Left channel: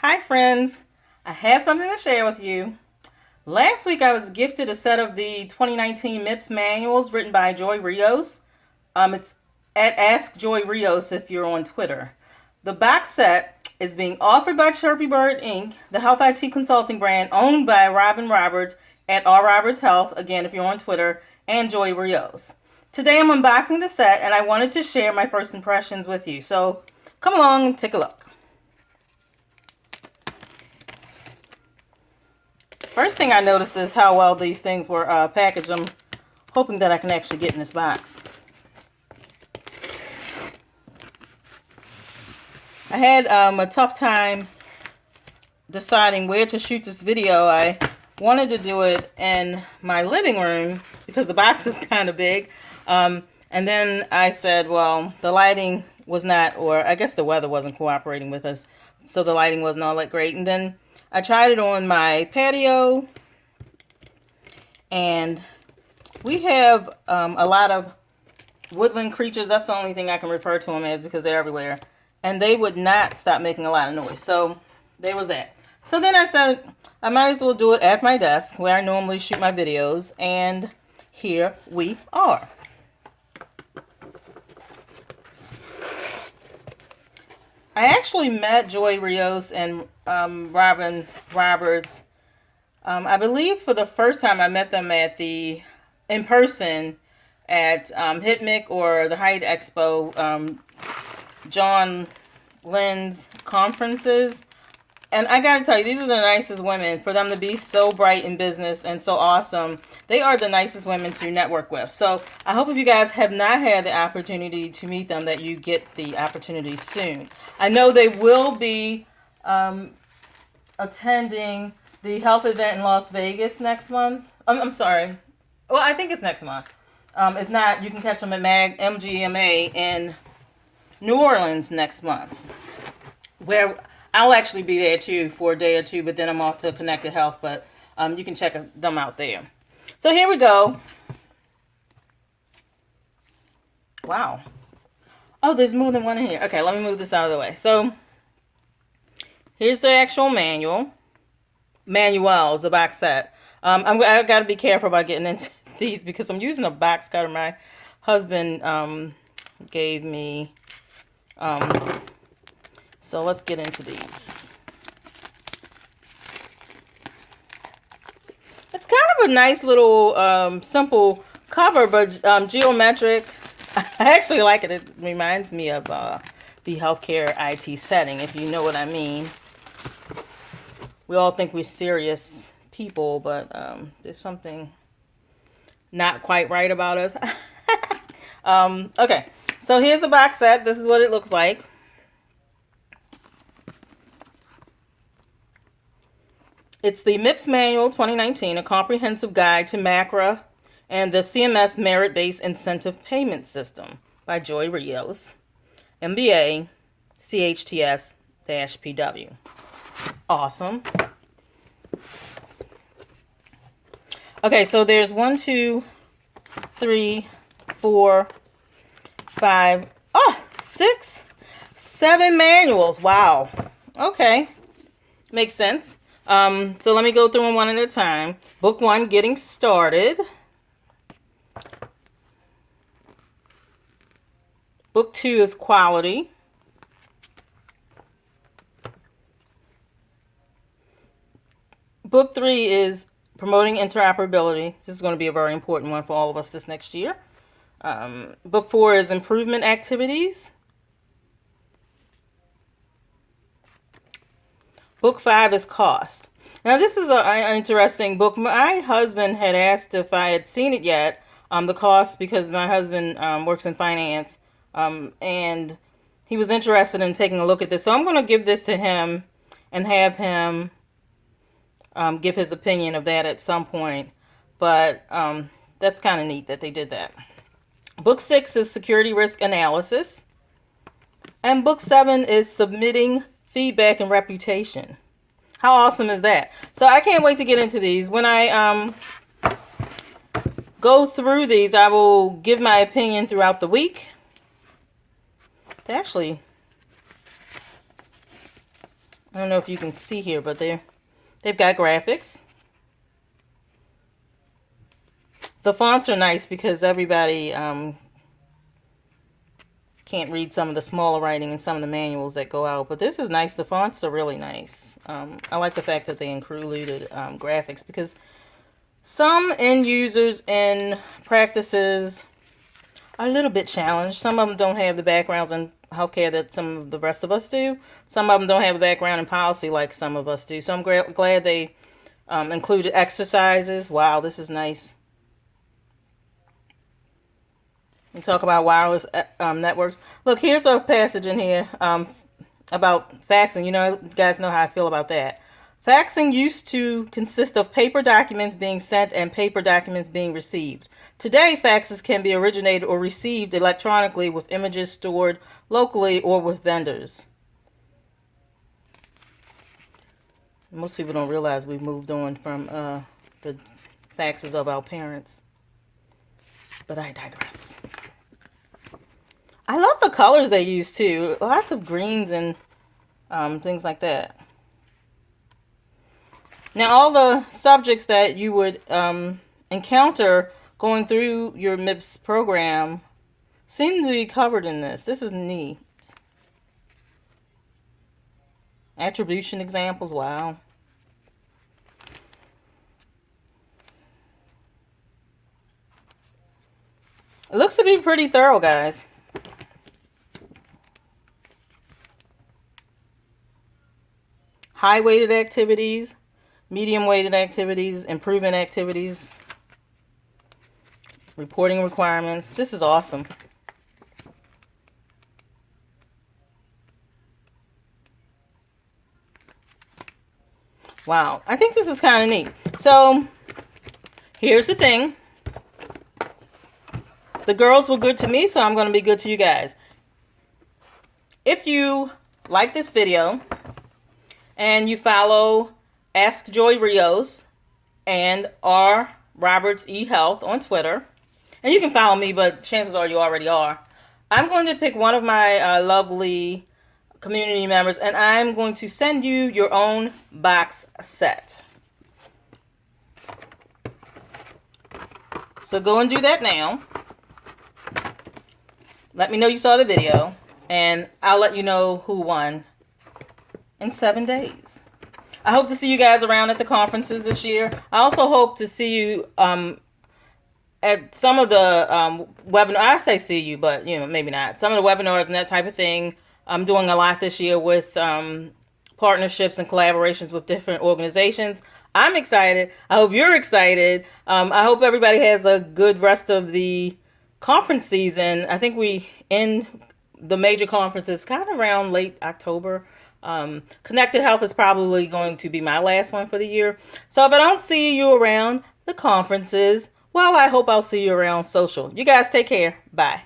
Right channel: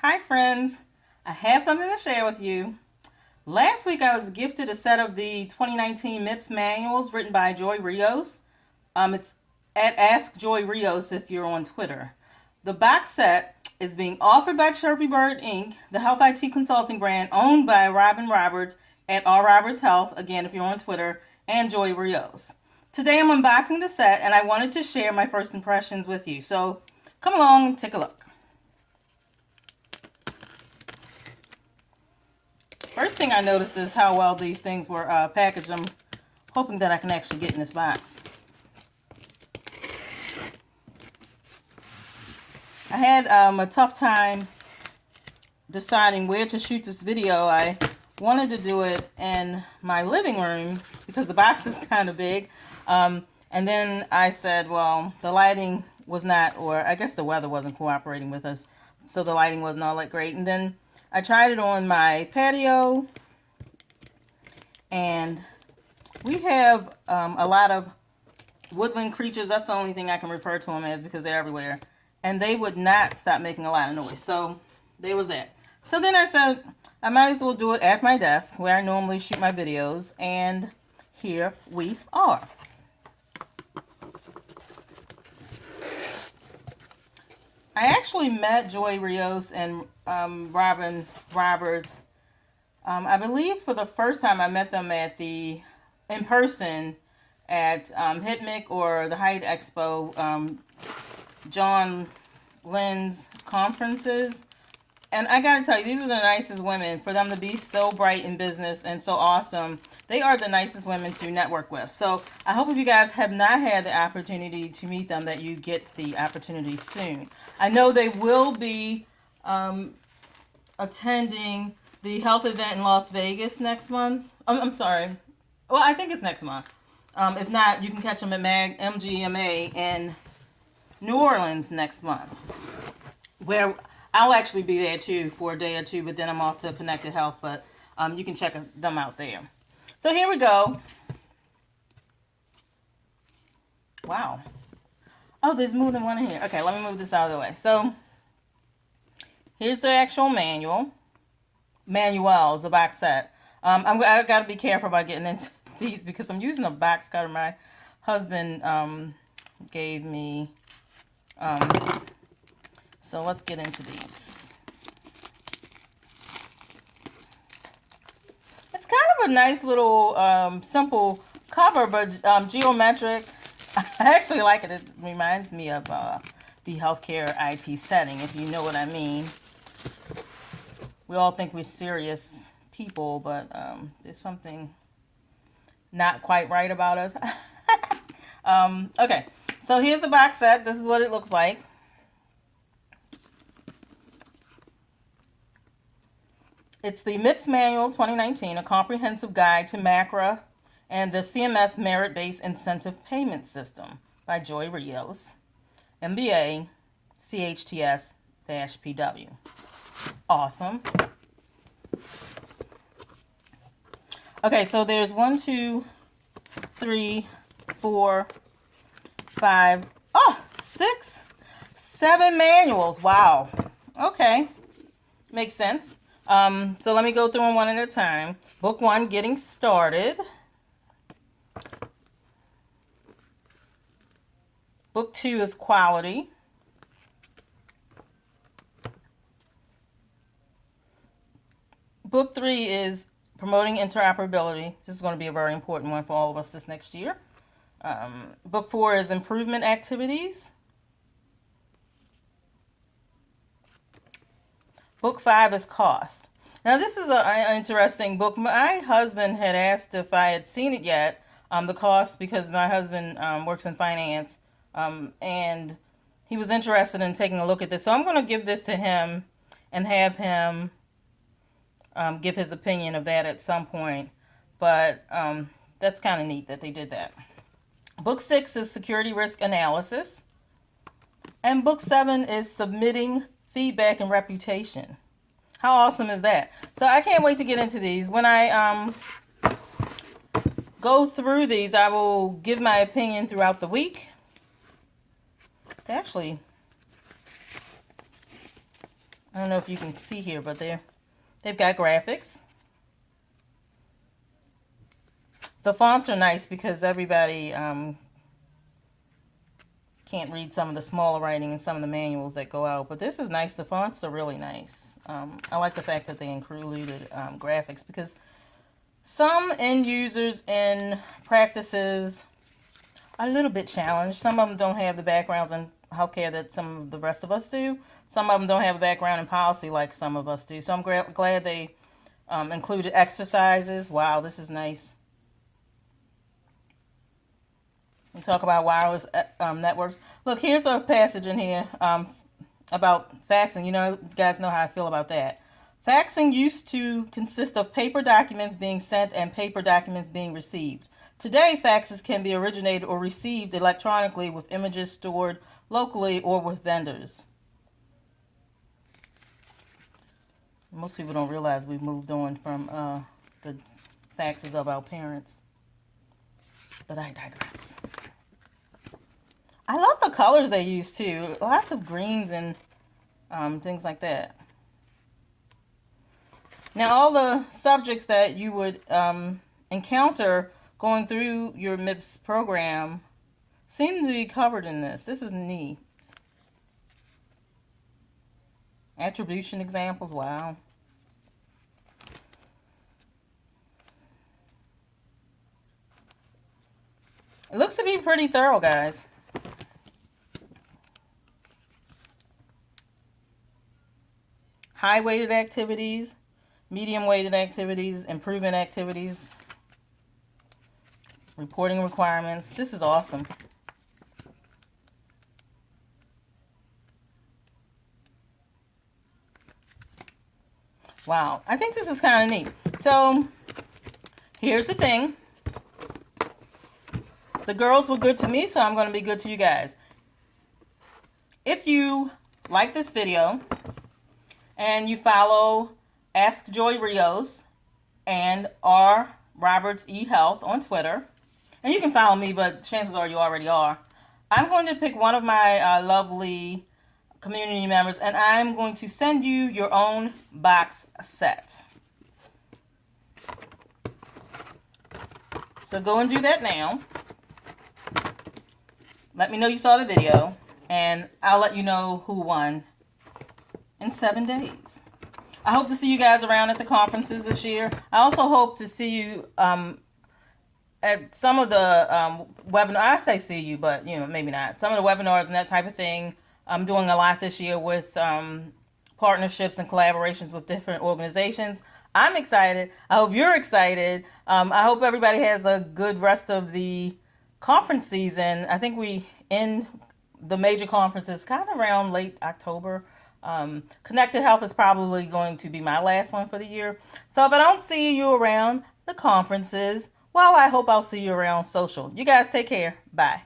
Hi friends, I have something to share with you. Last week I was gifted a set of the 2019 MIPS manuals written by Joy Rios. It's at Ask Joy Rios if you're on Twitter. The box set is being offered by Chirpy Bird Inc., the health IT consulting brand owned by Robin Roberts at R Roberts Health, again if you're on Twitter, and Joy Rios. Today I'm unboxing the set and I wanted to share my first impressions with you. So come along and take a look. First thing I noticed is how well these things were packaged. I'm hoping that I can actually get in this box. I had a tough time deciding where to shoot this video. I wanted to do it in my living room because the box is kind of big. And then I said, well, the lighting was not, or I guess the weather wasn't cooperating with us, so the lighting wasn't all that great. And then I tried it on my patio, and we have a lot of woodland creatures. That's the only thing I can refer to them as because they're everywhere. And they would not stop making a lot of noise. So there was that. So then I said, I might as well do it at my desk where I normally shoot my videos. And here we are. I actually met Joy Rios and Robin Roberts. I believe for the first time I met them at in person at HITMIC or the Height Expo, John Lynn's conferences. And I gotta tell you, these are the nicest women. For them to be so bright in business and so awesome, they are the nicest women to network with. So I hope if you guys have not had the opportunity to meet them, that you get the opportunity soon. I know they will be attending the health event in Las Vegas next month. I'm sorry. Well, I think it's next month. If not, you can catch them at MGMA in New Orleans next month, where I'll actually be there too for a day or two, but then I'm off to Connected Health, but you can check them out there. So here we go. Wow. Oh, there's more than one in here. Okay, let me move this out of the way. So here's the actual manuals, the box set. I got to be careful about getting into these because I'm using a box cutter my husband gave me. So let's get into these. It's kind of a nice little simple cover, but geometric. I actually like it. It reminds me of the healthcare IT setting, if you know what I mean. We all think we're serious people, but there's something not quite right about us. Okay, so here's the box set. This is what it looks like. It's the MIPS Manual 2019, a comprehensive guide to MACRA and the CMS Merit-Based Incentive Payment System by Joy Rios, MBA, CHTS-PW. Awesome. Okay, so there's 1, 2, 3, 4, 5, 6, 7 manuals. Wow. Okay. Makes sense. So let me go through them one at a time. Book 1, Getting Started. Book 2 is Quality. Book 3 is Promoting Interoperability. This is going to be a very important one for all of us this next year. Book 4 is Improvement Activities. Book 5 is Cost. Now, this is an interesting book. My husband had asked if I had seen it yet, the cost, because my husband works in finance, and he was interested in taking a look at this. So I'm going to give this to him and have him give his opinion of that at some point. But that's kind of neat that they did that. Book 6 is Security Risk Analysis. And Book 7 is Submitting Feedback and Reputation. How awesome is that? So I can't wait to get into these. When I go through these, I will give my opinion throughout the week. They actually I don't know if you can see here, but they've got graphics. The fonts are nice because everybody can't read some of the smaller writing in some of the manuals that go out, but this is nice. The fonts are really nice. I like the fact that they included graphics, because some end users and practices are a little bit challenged. Some of them don't have the backgrounds in healthcare that some of the rest of us do. Some of them don't have a background in policy like some of us do. So I'm glad they included exercises. Wow, this is nice. We talk about wireless networks. Look, here's a passage in here about faxing. You guys know how I feel about that. Faxing used to consist of paper documents being sent and paper documents being received. Today, faxes can be originated or received electronically with images stored locally or with vendors. Most people don't realize we've moved on from the faxes of our parents. But I digress. I love the colors they use too. Lots of greens and things like that. Now, all the subjects that you would encounter going through your MIPS program seem to be covered in this. This is neat. Attribution examples, wow. It looks to be pretty thorough, guys. High-weighted activities, medium-weighted activities, improvement activities, reporting requirements. This is awesome. Wow, I think this is kind of neat. So, here's the thing. The girls were good to me, so I'm going to be good to you guys. If you like this video and you follow Ask Joy Rios and R. Roberts E. Health on Twitter, and you can follow me, but chances are you already are, I'm going to pick one of my lovely community members, and I'm going to send you your own box set. So go and do that now. Let me know you saw the video, and I'll let you know who won in 7 days. I hope to see you guys around at the conferences this year. I also hope to see you at some of the webinars. I say see you, but maybe not. Some of the webinars and that type of thing. I'm doing a lot this year with partnerships and collaborations with different organizations. I'm excited. I hope you're excited. I hope everybody has a good rest of the conference season. I think we end the major conferences kind of around late October. Connected Health is probably going to be my last one for the year. So if I don't see you around the conferences, well, I hope I'll see you around social. You guys take care. Bye.